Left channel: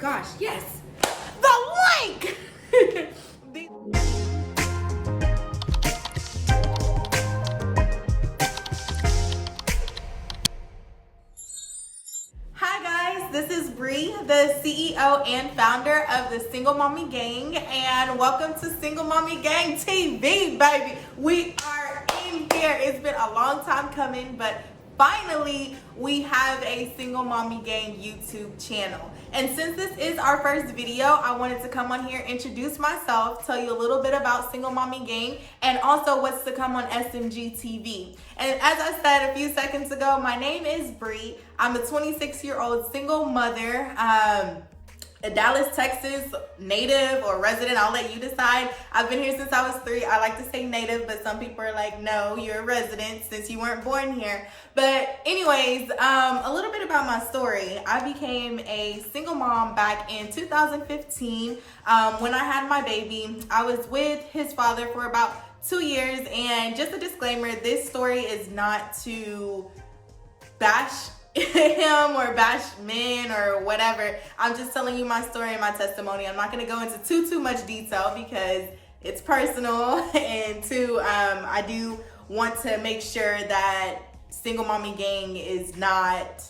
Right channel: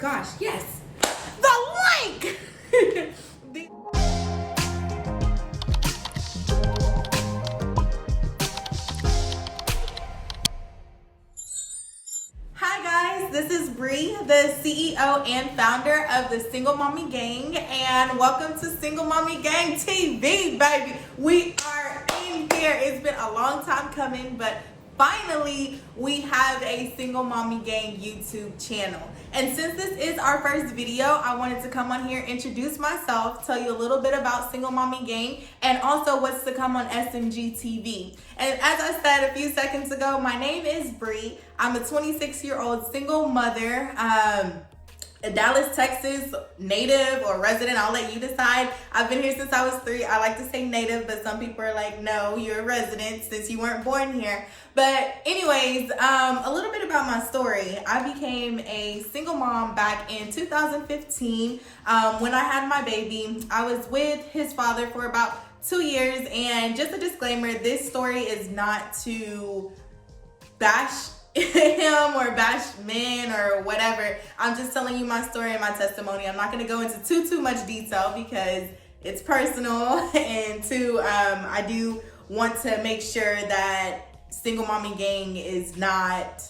gosh, yes, the link. Hi guys, this is Bree, the CEO and founder of the Single Mommy Gang, and welcome to Single Mommy Gang TV, baby. We are in here. It's been a long time coming, but finally we have a Single Mommy Gang YouTube channel. And since this is our first video, I wanted to come on here, introduce myself, tell you a little bit about Single Mommy Gang, and also what's to come on SMG TV. And as I said a few seconds ago, my name is Bree. I'm a 26-year-old single mother, a Dallas, Texas native or resident. I'll let you decide. I've been here since I was 3. I like to say native, but some people are like, no, you're a resident since you weren't born here. But anyways, a little bit about my story. I became a single mom back in 2015 when I had my baby. I was with his father for about 2 years, and just a disclaimer, this story is not to bash him or bash men or whatever. I'm just telling you my story and my testimony. I'm not going to go into too much detail because it's personal, and I do want to make sure that Single Mommy Gang is not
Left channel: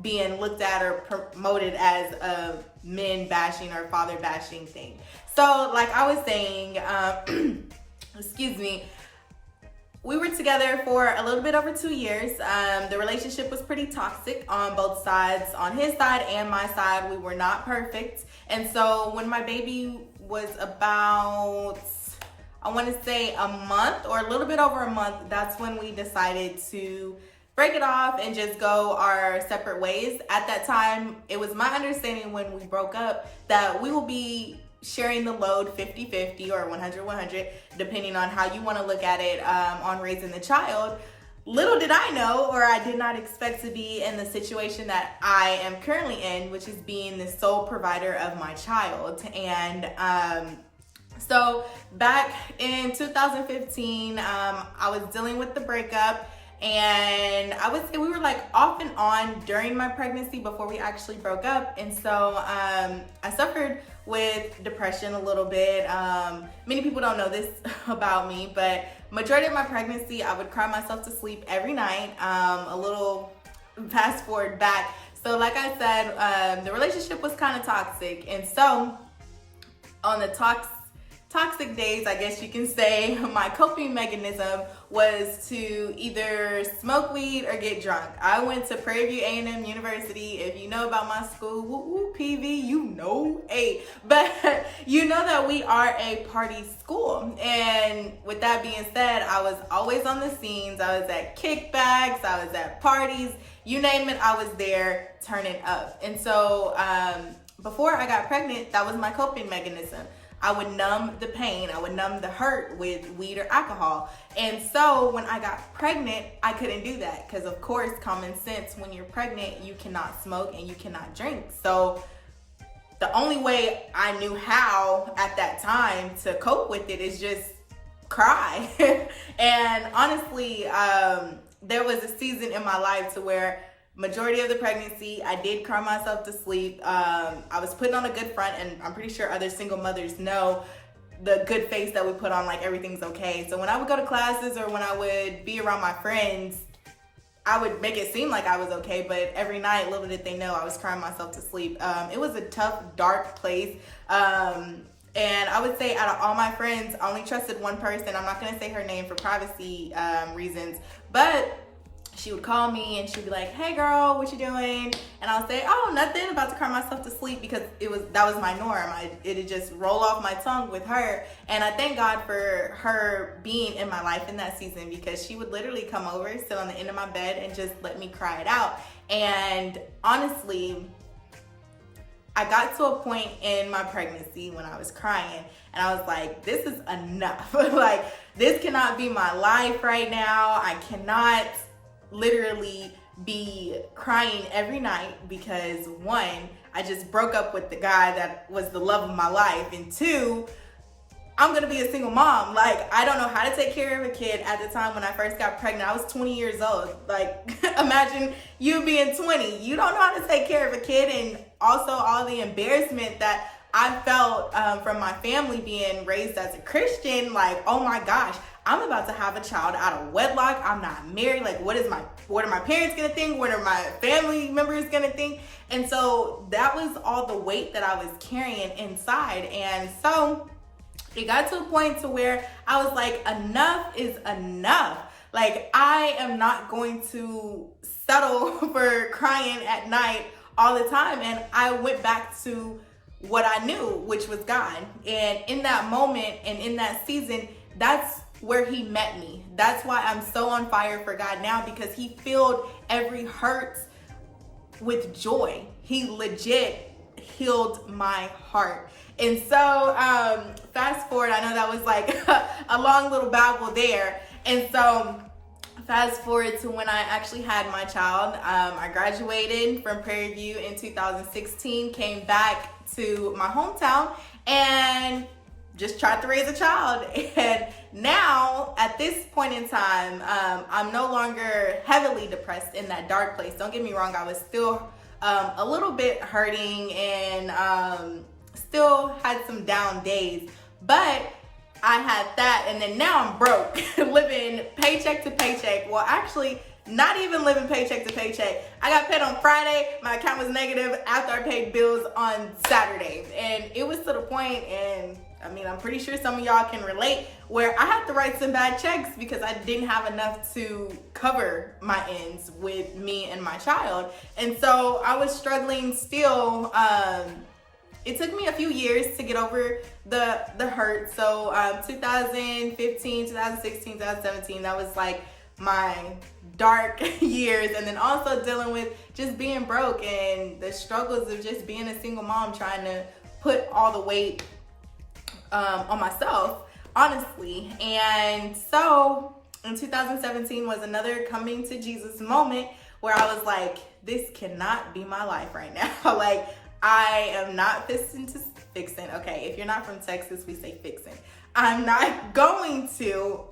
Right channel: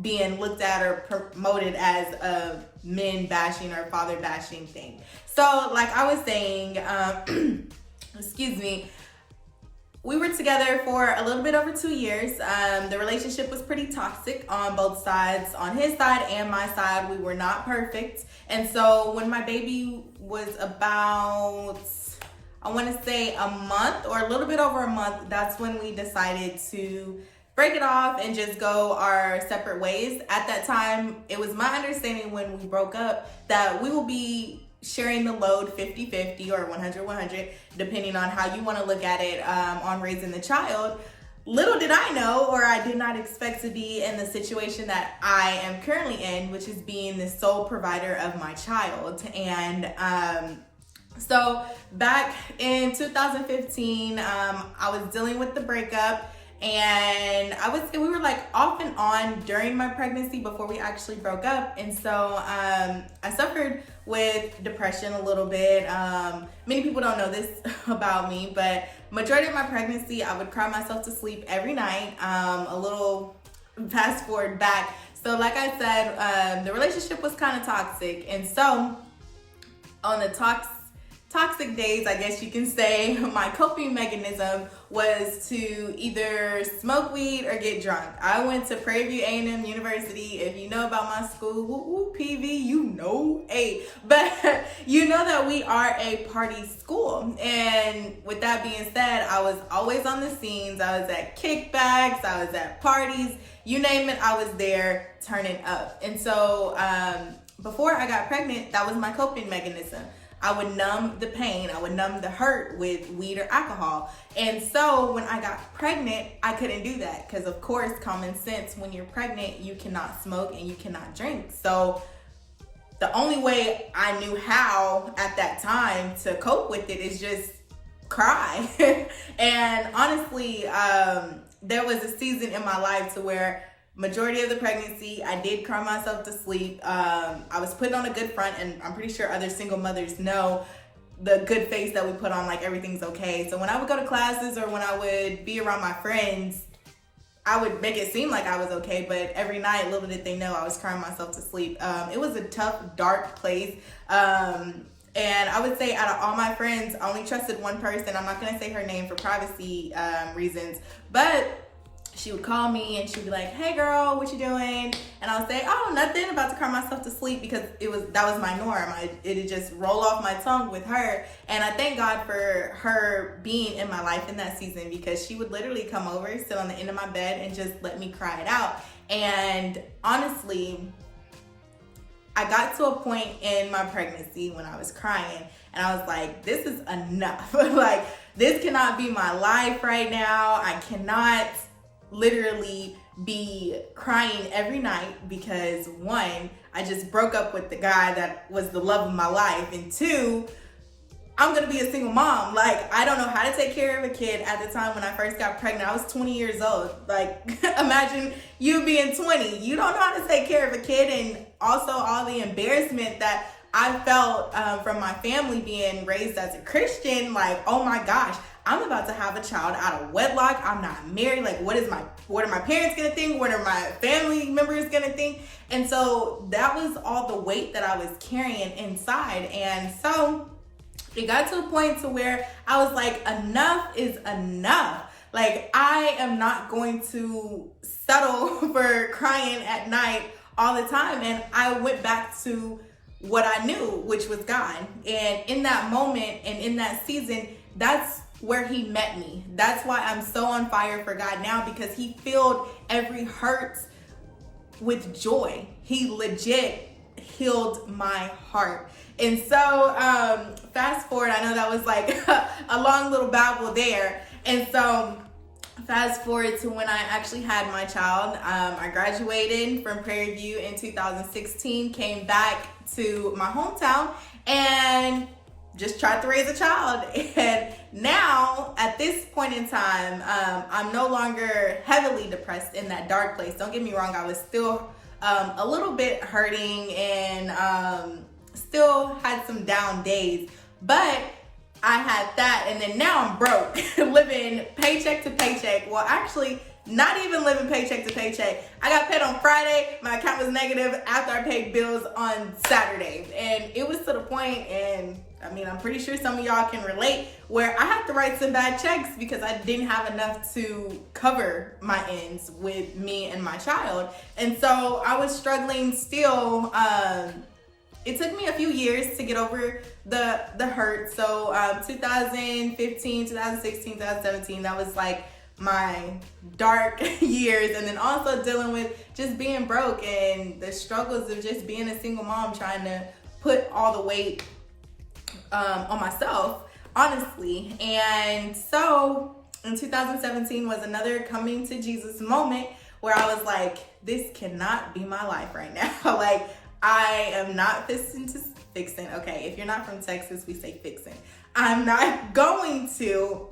being looked at or promoted as a men bashing or father bashing thing. So like I was saying, excuse me, we were together for a little bit over 2 years. The relationship was pretty toxic on both sides. On his side and my side, we were not perfect. And so when my baby was about, I want to say a month or a little bit over a month, that's when we decided to break it off and just go our separate ways. At that time, it was my understanding when we broke up that we will be sharing the load 50-50 or 100-100, depending on how you want to look at it, on raising the child. Little did I know, or I did not expect to be in the situation that I am currently in, which is being the sole provider of my child. And so back in 2015, I was dealing with the breakup, and I would say we were like off and on during my pregnancy before we actually broke up. And so I suffered with depression a little bit. Many people don't know this about me, but majority of my pregnancy, I would cry myself to sleep every night. A little fast forward back. So like I said, the relationship was kind of toxic. And so on the toxic days, I guess you can say, my coping mechanism was to either smoke weed or get drunk. I went to Prairie View A&M University. If you know about my school, woo, PV, you know, but you know that we are a party school. And with that being said, I was always on the scenes. I was at kickbacks, I was at parties, you name it, I was there turning up. And so before I got pregnant, that was my coping mechanism. I would numb the pain, I would numb the hurt with weed or alcohol. And so when I got pregnant, I couldn't do that because of course, common sense, when you're pregnant, you cannot smoke and you cannot drink. So the only way I knew how at that time to cope with it is just cry. And honestly, there was a season in my life to where majority of the pregnancy, I did cry myself to sleep. I was putting on a good front, and I'm pretty sure other single mothers know the good face that we put on, like everything's okay. So when I would go to classes or when I would be around my friends, I would make it seem like I was okay, but every night, little did they know, I was crying myself to sleep. It was a tough, dark place. And I would say out of all my friends, I only trusted one person. I'm not gonna say her name for privacy reasons, but she would call me and she'd be like, hey girl, what you doing? And I would say, oh, nothing, about to cry myself to sleep, because that was my norm. It'd just roll off my tongue with her. And I thank God for her being in my life in that season, because she would literally come over, sit on the end of my bed and just let me cry it out. And honestly, I got to a point in my pregnancy when I was crying and I was like, this is enough. Like, this cannot be my life right now. I cannot literally be crying every night because, one, I just broke up with the guy that was the love of my life, and two, I'm gonna be a single mom. Like, I don't know how to take care of a kid. At the time when I first got pregnant, I was 20 years old. Like, imagine you being 20. You don't know how to take care of a kid, and also all the embarrassment that I felt from my family being raised as a Christian. Like, oh my gosh, I'm about to have a child out of wedlock. I'm not married. Like, what are my parents gonna think? What are my family members gonna think? And so that was all the weight that I was carrying inside. And so it got to a point to where I was like, enough is enough. Like, I am not going to settle for crying at night all the time. And I went back to what I knew, which was God. And in that moment and in that season, that's where he met me. That's why I'm so on fire for God now, because he filled every hurt with joy. He legit healed my heart. And so fast forward, I know that was like a long little babble there. And so fast forward to when I actually had my child. I graduated from Prairie View in 2016, came back to my hometown and just tried to raise a child. And now at this point in time, I'm no longer heavily depressed in that dark place. Don't get me wrong, I was still a little bit hurting and still had some down days, but I had that. And then now I'm broke, living paycheck to paycheck. Well, actually, not even living paycheck to paycheck. I got paid on Friday. My account was negative after I paid bills on Saturday. And it was to the point, and I mean, I'm pretty sure some of y'all can relate, where I had to write some bad checks because I didn't have enough to cover my ends with me and my child. And so I was struggling still. It took me a few years to get over the hurt. So 2015, 2016, 2017, that was like my dark years. And then also dealing with just being broke and the struggles of just being a single mom, trying to put all the weight on myself, honestly. And so in 2017 was another coming to Jesus moment where I was like, this cannot be my life right now. Like, I am not fixing. Okay, if you're not from Texas, we say fixing. I'm not going to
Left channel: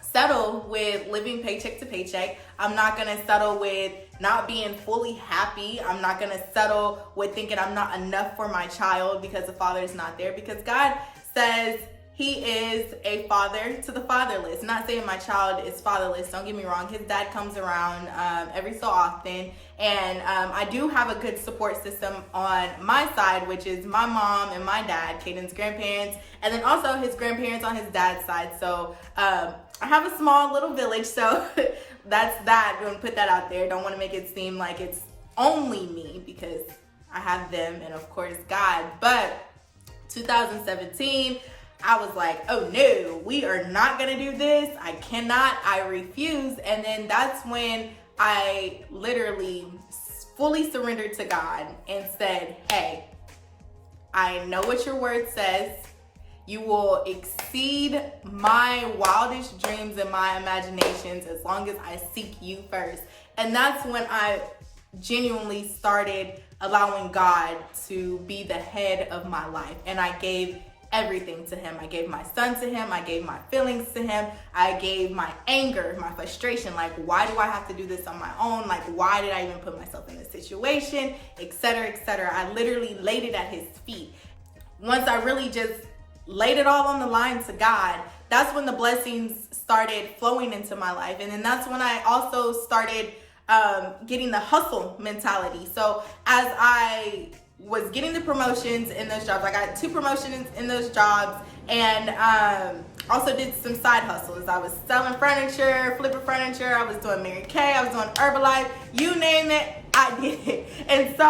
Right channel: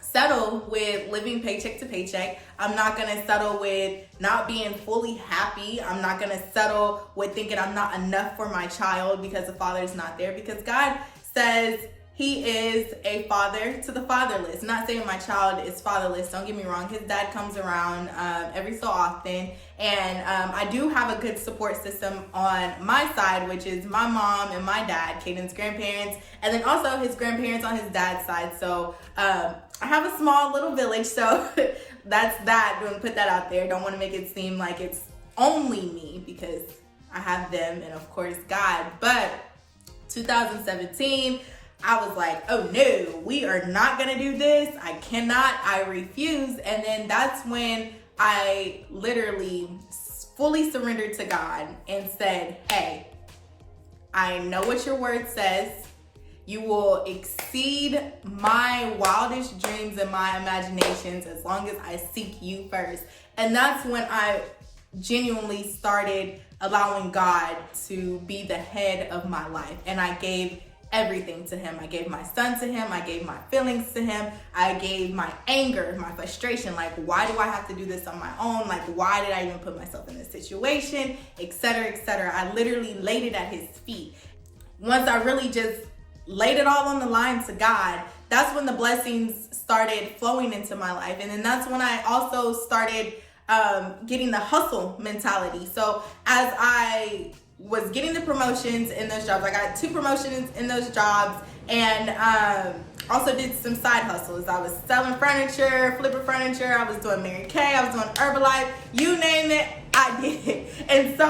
settle with living paycheck to paycheck. I'm not gonna settle with not being fully happy. I'm not gonna settle with thinking I'm not enough for my child because the father is not there. Because God says he is a father to the fatherless. Not saying my child is fatherless, don't get me wrong. His dad comes around every so often. And I do have a good support system on my side, which is my mom and my dad, Caden's grandparents, and then also his grandparents on his dad's side. So I have a small little village, so that's that. I'm gonna put that out there. Don't want to make it seem like it's only me, because I have them and of course God. But 2017, I was like, oh no, we are not gonna do this. I cannot, I refuse. And then that's when I literally fully surrendered to God and said, hey, I know what your word says. You will exceed my wildest dreams and my imaginations as long as I seek you first. And that's when I genuinely started allowing God to be the head of my life. And I gave everything to him. I gave my son to him. I gave my feelings to him. I gave my anger, my frustration. Like, why do I have to do this on my own? Like, why did I even put myself in this situation? Etc., etc. I literally laid it at his feet. Once I really just laid it all on the line to God, that's when the blessings started flowing into my life. And then that's when I also started getting the hustle mentality. So as I was getting the promotions in those jobs, I got 2 promotions in those jobs, and also did some side hustles. I was selling furniture, flipping furniture. I was doing Mary Kay. I was doing Herbalife. You name it, I did it. And so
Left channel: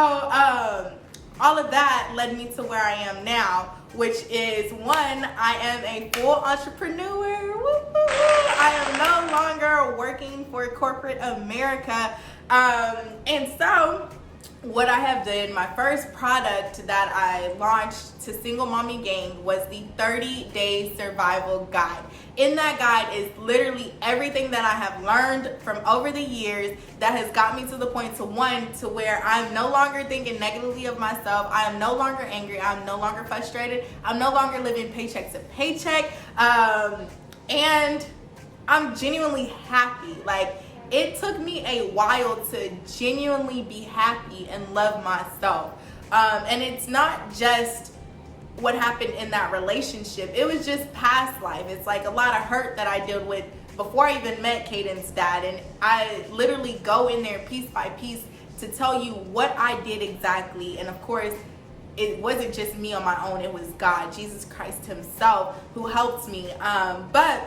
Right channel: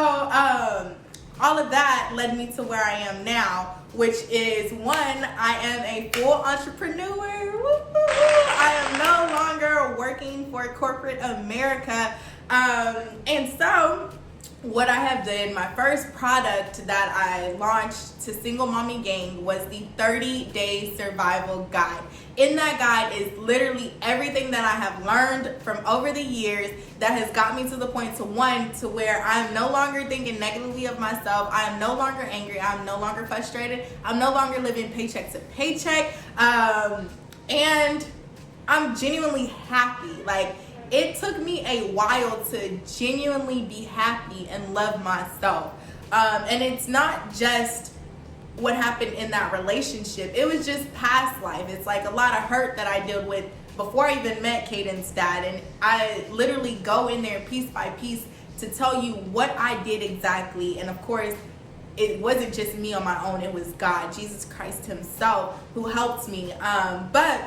all of that led me to where I am now, which is, one, I am a full entrepreneur. Woo-hoo-hoo. I am no longer working for corporate America. And so what I have done, my first product that I launched to Single Mommy Gang was the 30-day survival guide. In that guide is literally everything that I have learned from over the years that has got me to the point to where I'm no longer thinking negatively of myself. I am no longer angry. I'm no longer frustrated. I'm no longer living paycheck to paycheck. And I'm genuinely happy. Like, it took me a while to genuinely be happy and love myself. And it's not just what happened in that relationship. It was just past life. It's like a lot of hurt that I dealt with before I even met Caden's dad. And I literally go in there piece by piece to tell you what I did exactly. And of course, it wasn't just me on my own. It was God, Jesus Christ himself, who helped me. But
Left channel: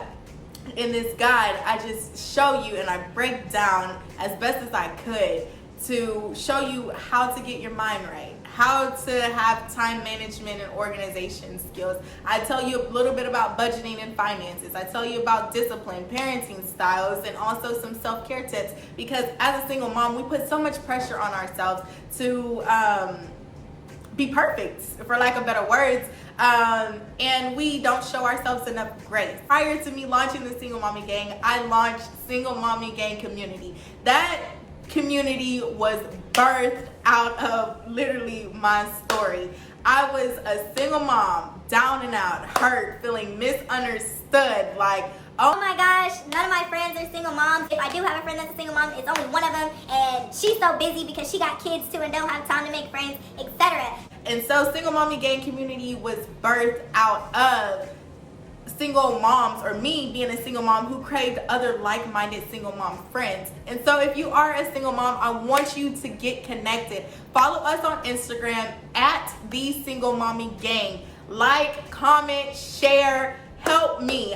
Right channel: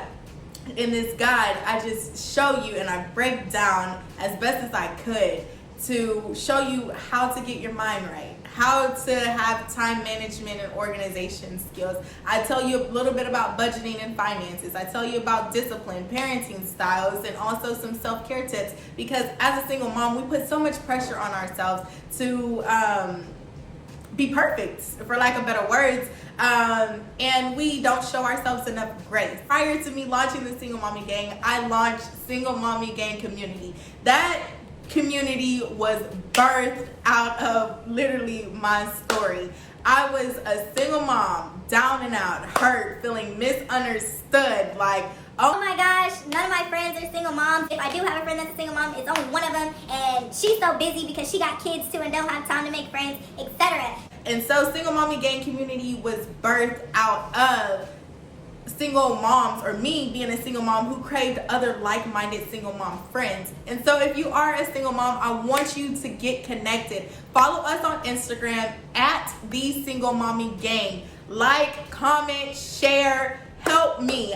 in this guide, I just show you and I break down as best as I could to show you how to get your mind right, how to have time management and organization skills. I tell you a little bit about budgeting and finances. I tell you about discipline, parenting styles, and also some self-care tips, because as a single mom, we put so much pressure on ourselves to be perfect, for lack of better words. And we don't show ourselves enough grace. Prior to me launching the Single Mommy Gang, I launched Single Mommy Gang Community. That community was birthed out of literally my story. I was a single mom, down and out, hurt, feeling misunderstood, like, oh my gosh, none of my friends are single moms. If I do have a friend that's a single mom, it's only one of them, and she's so busy because she got kids too and don't have time to make friends, etc. And so Single Mommy Gang Community was birthed out of single moms, or me being a single mom who craved other like-minded single mom friends. And so if you are a single mom, I want you to get connected. Follow us on Instagram at The Single Mommy Gang. Like, comment, share, help me.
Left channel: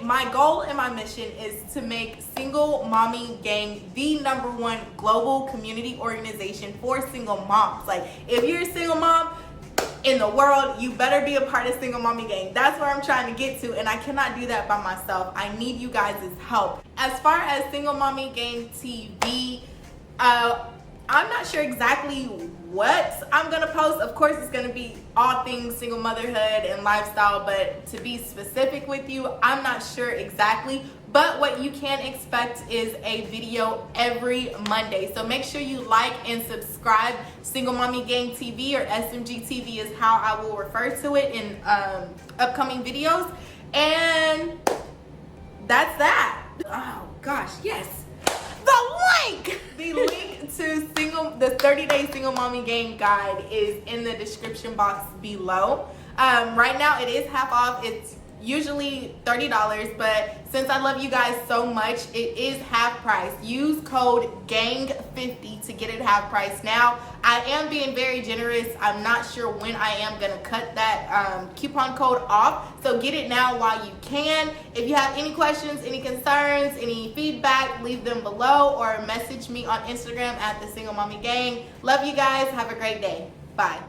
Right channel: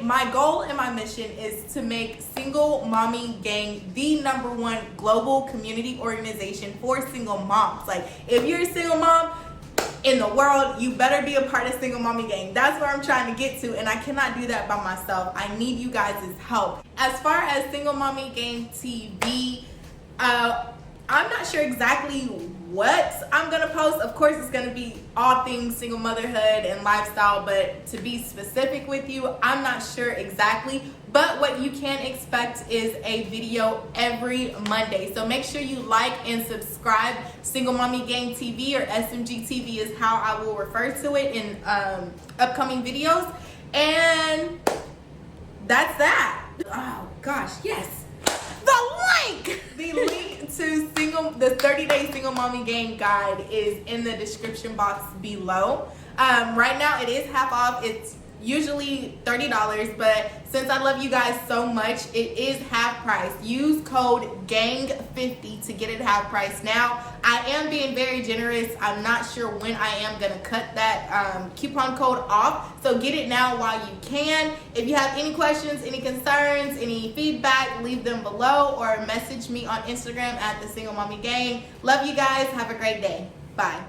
My goal and my mission is to make Single Mommy Gang the #1 global community organization for single moms. Like, if you're a single mom in the world, you better be a part of Single Mommy Gang. That's where I'm trying to get to, and I cannot do that by myself. I need you guys' help. As far as Single Mommy Gang TV, I'm not sure exactly what I'm gonna post. Of course, it's gonna be all things single motherhood and lifestyle, but to be specific with you, I'm not sure exactly. But what you can expect is a video every Monday. So make sure you like and subscribe. Single Mommy Gang TV, or SMG TV is how I will refer to it in upcoming videos. And that's that. Oh gosh, yes. The link to the 30-day Single Mommy Gang guide is in the description box below. Right now it is half off. It's usually $30, but since I love you guys so much, it is half price. Use code GANG50 to get it half price. Now, I am being very generous. I'm not sure when I am gonna cut that coupon code off, so get it now while you can. If you have any questions, any concerns, any feedback, leave them below or message me on Instagram at The Single Mommy Gang. Love you guys. Have a great day. Bye.